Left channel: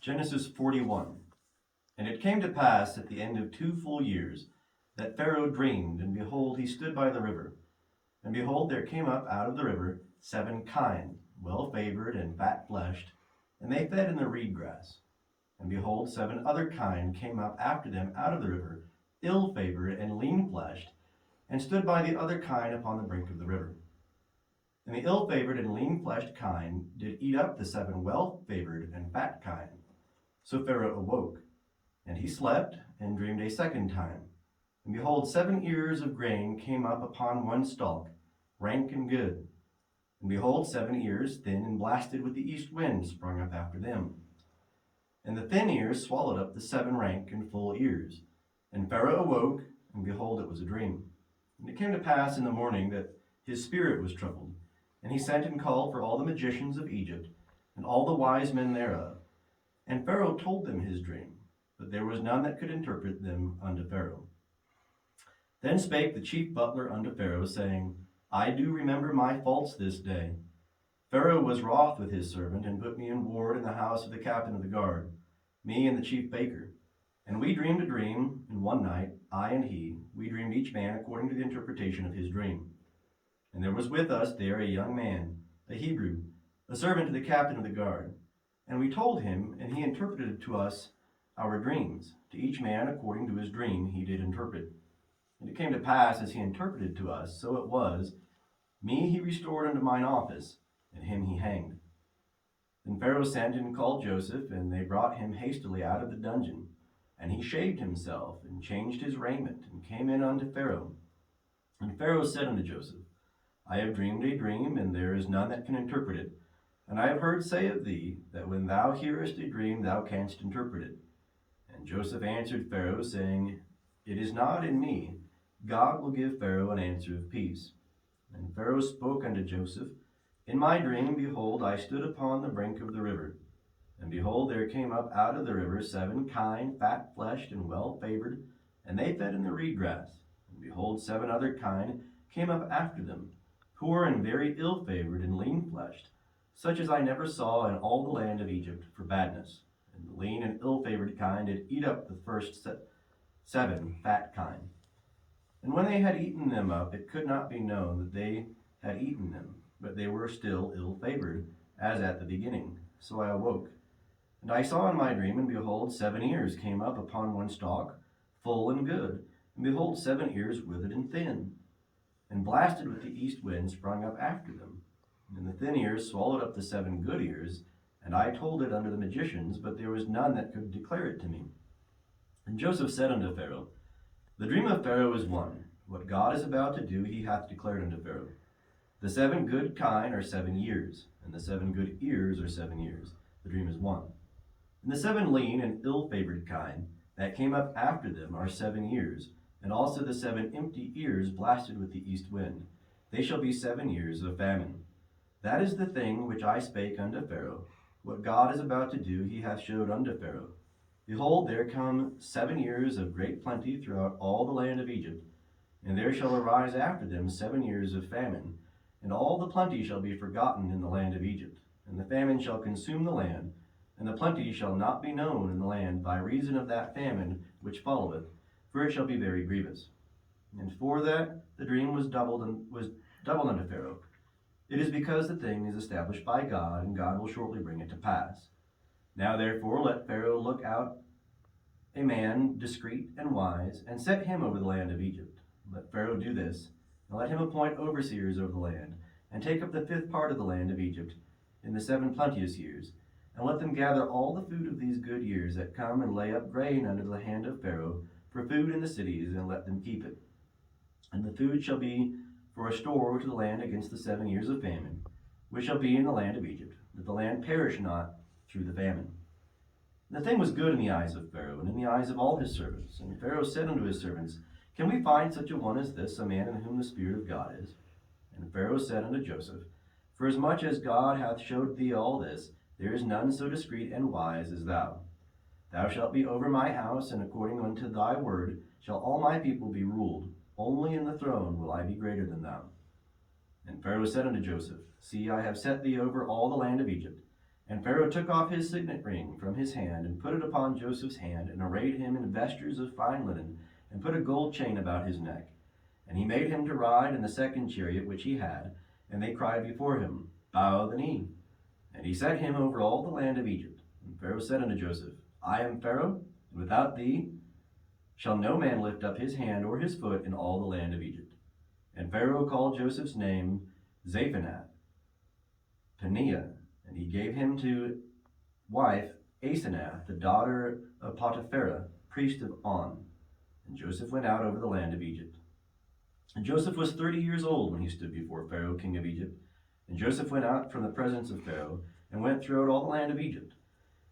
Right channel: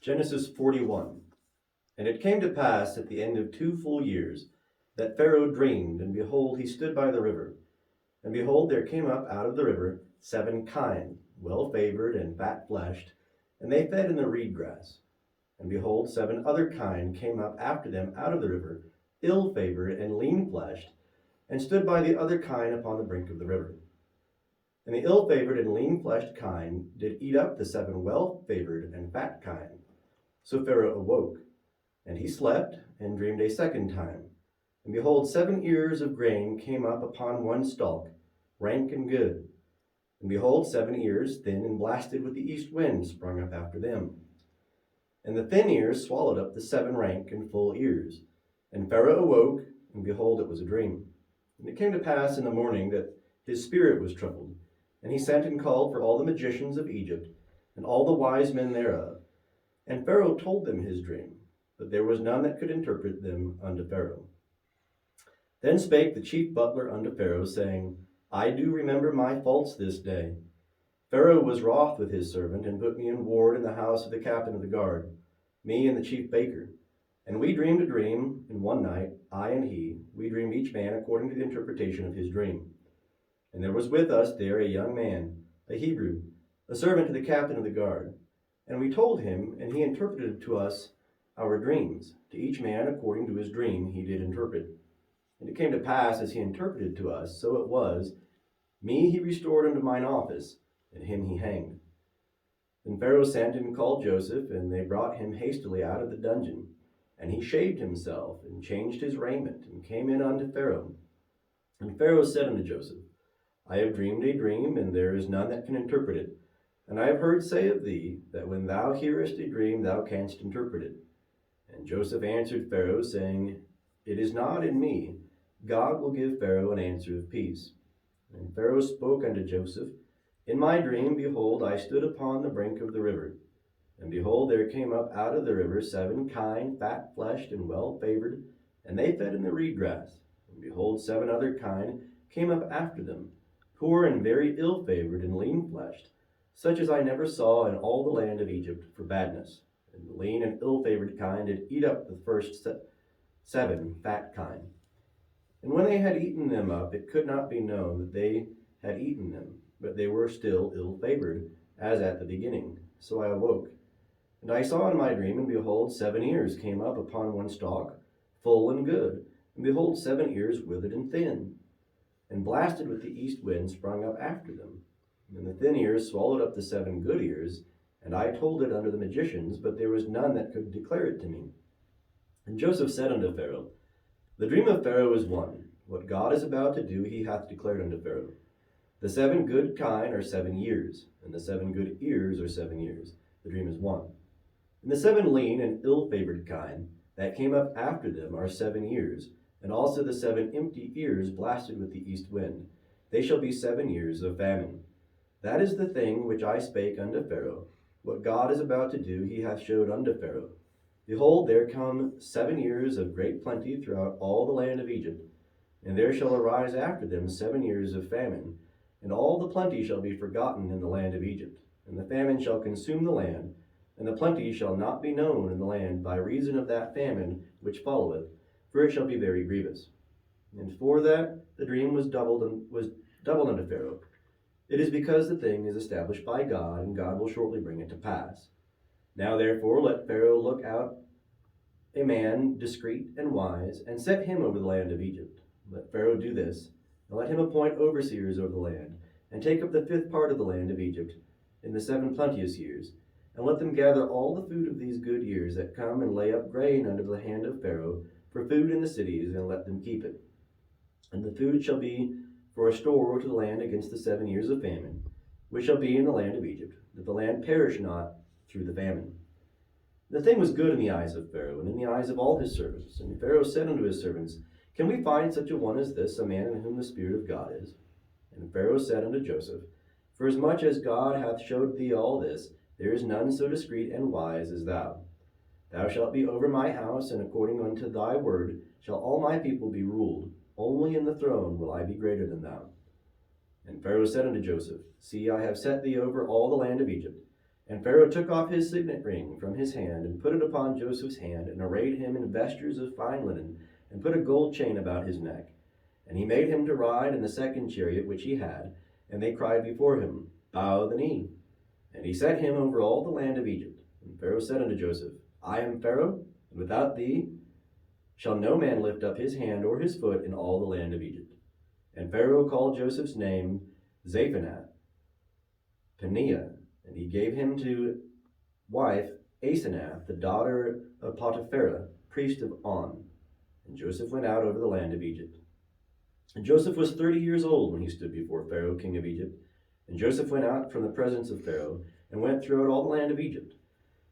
Genesis 41. And it came to pass at the end of 2 full years that Pharaoh dreamed, and behold, he stood by the river. And behold, there came up out of the river 7 kine, well favored and fat fleshed, and they fed in the reed grass. And behold, 7 other kine came up after them out of the river, ill favored and lean fleshed, and stood by the other kine upon the brink of the river. And the ill favored and lean fleshed kine did eat up the 7 well favored and fat kine. So Pharaoh awoke, and he slept, and dreamed a second time. And behold, 7 ears of grain came up upon one stalk, rank and good. And behold, 7 ears, thin and blasted with the east wind, sprung up after them. And the thin ears swallowed up the 7 rank and full ears. And Pharaoh awoke, and behold, it was a dream. And it came to pass in the morning that his spirit was troubled, and he sent and called for all the magicians of Egypt, and all the wise men thereof. And Pharaoh told them his dream, but there was none that could interpret them unto Pharaoh. Then spake the chief butler unto Pharaoh, saying, I do remember my faults this day. Pharaoh was wroth with his servant, and put me in ward in the house of the captain of the guard, me and the chief baker. And we dreamed a dream, and one night, I and he, we dreamed each man according to the interpretation of his dream. And there was with us there a young man, a Hebrew, a servant to the captain of the guard. And we told him, and he interpreted to us our dreams. To each man according to his dream he did interpret. And it came to pass, as he interpreted to us, so it was. Me he restored unto mine office, and him he hanged. Then Pharaoh sent and called Joseph, and they brought him hastily out of the dungeon. And he shaved himself, and changed his raiment, and came in unto Pharaoh. And Pharaoh said unto Joseph, I have dreamed a dream, and there is none that can interpret it. And I have heard say of thee, that when thou hearest a dream, thou canst interpret it. And Joseph answered Pharaoh, saying, It is not in me. God will give Pharaoh an answer of peace. And Pharaoh spoke unto Joseph, In my dream, behold, I stood upon the brink of the river. And behold, there came up out of the river 7 kine, fat-fleshed and well-favored, and they fed in the reed grass. And behold, 7 other kine came up after them, poor and very ill-favored and lean-fleshed, such as I never saw in all the land of Egypt for badness. And the lean and ill-favored kine did eat up the first 7 fat kine. And when they had eaten them up, it could not be known that they had eaten them, but they were still ill-favored, as at the beginning. So I awoke. And I saw in my dream, and behold, 7 ears came up upon one stalk, full and good. And behold, 7 ears withered and thin, and blasted with the east wind sprung up after them. And the thin ears swallowed up the 7 good ears, and I told it unto the magicians, but there was none that could declare it to me. And Joseph said unto Pharaoh, The dream of Pharaoh is one. What God is about to do he hath declared unto Pharaoh. The 7 good kine are 7 years, and the 7 good ears are 7 years. The dream is one. And the 7 lean and ill-favored kine that came up after them are 7 years, and also the 7 empty ears blasted with the east wind. They shall be 7 years of famine. That is the thing which I spake unto Pharaoh. What God is about to do he hath showed unto Pharaoh. Behold, there come 7 years of great plenty throughout all the land of Egypt, and there shall arise after them 7 years of famine, and all the plenty shall be forgotten in the land of Egypt, and the famine shall consume the land, and the plenty shall not be known in the land by reason of that famine which followeth, for it shall be very grievous. And for that the dream was doubled unto Pharaoh. It is because the thing is established by God, and God will shortly bring it to pass. Now therefore let Pharaoh look out a man discreet and wise, and set him over the land of Egypt. Let Pharaoh do this, and let him appoint overseers over the land, and take up the 5th part of the land of Egypt in the 7 plenteous years, and let them gather all the food of these good years that come, and lay up grain under the hand of Pharaoh for food in the cities, and let them keep it. And the food shall be for a store to the land against the 7 years of famine, which shall be in the land of Egypt, that the land perish not through the famine. The thing was good in the eyes of Pharaoh, and in the eyes of all his servants. And Pharaoh said unto his servants, Can we find such a one as this, a man in whom the Spirit of God is? And Pharaoh said unto Joseph, Forasmuch as God hath showed thee all this, there is none so discreet and wise as thou. Thou shalt be over my house, and according unto thy word shall all my people be ruled. Only in the throne will I be greater than thou. And Pharaoh said unto Joseph, See, I have set thee over all the land of Egypt. And And Pharaoh took off his signet ring from his hand, and put it upon Joseph's hand, and arrayed him in vestures of fine linen, and put a gold chain about his neck. And he made him to ride in the second chariot which he had, and they cried before him, Bow the knee. And he set him over all the land of Egypt. And Pharaoh said unto Joseph, I am Pharaoh, and without thee shall no man lift up his hand or his foot in all the land of Egypt. And Pharaoh called Joseph's name Zaphanath Paneah, and he gave him to wife Asenath, the daughter of Potipharah, priest of On. And Joseph went out over the land of Egypt. And Joseph was 30 years old when he stood before Pharaoh, king of Egypt. And Joseph went out from the presence of Pharaoh, and went throughout all the land of Egypt.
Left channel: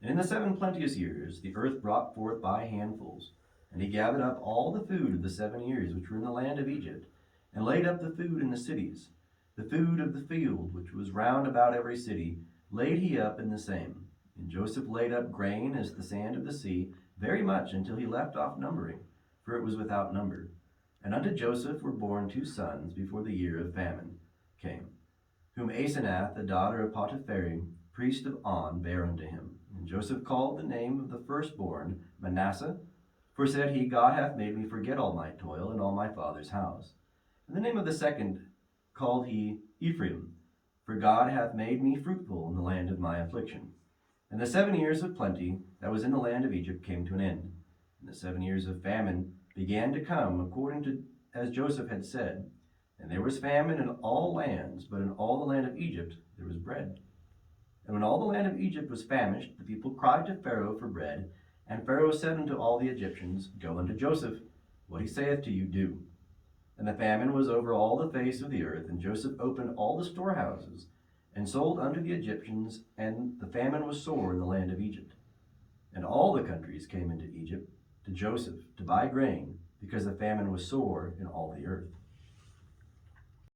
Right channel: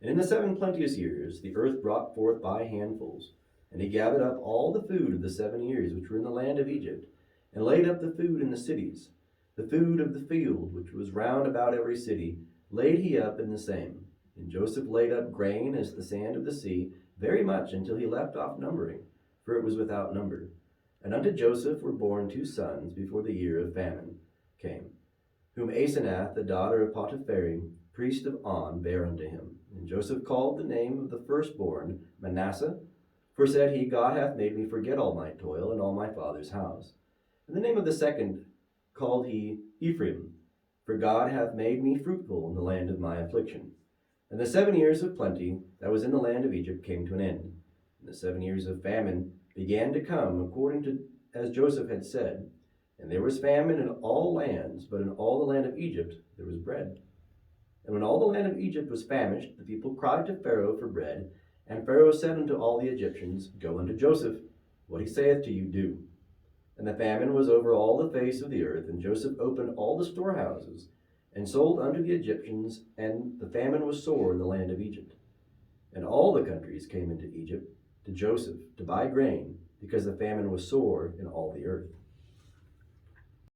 And in the 7 plenteous years the earth brought forth by handfuls. And he gathered up all the food of the 7 years which were in the land of Egypt, and laid up the food in the cities. The food of the field, which was round about every city, laid he up in the same. And Joseph laid up grain as the sand of the sea, very much, until he left off numbering, for it was without number. And unto Joseph were born 2 sons before the year of famine came, whom Asenath, the daughter of Potipharah, priest of On, bare unto him. And Joseph called the name of the firstborn Manasseh, for said he, God hath made me forget all my toil and all my father's house. And the name of the second called he Ephraim, for God hath made me fruitful in the land of my affliction. And the 7 years of plenty that was in the land of Egypt came to an end. And the 7 years of famine began to come, according to as Joseph had said. And there was famine in all lands, but in all the land of Egypt there was bread. And when all the land of Egypt was famished, the people cried to Pharaoh for bread. And Pharaoh said unto all the Egyptians, Go unto Joseph, what he saith to you, do. And the famine was over all the face of the earth, and Joseph opened all the storehouses, and sold unto the Egyptians, and the famine was sore in the land of Egypt. And all the countries came into Egypt to Joseph to buy grain, because the famine was sore in all the earth.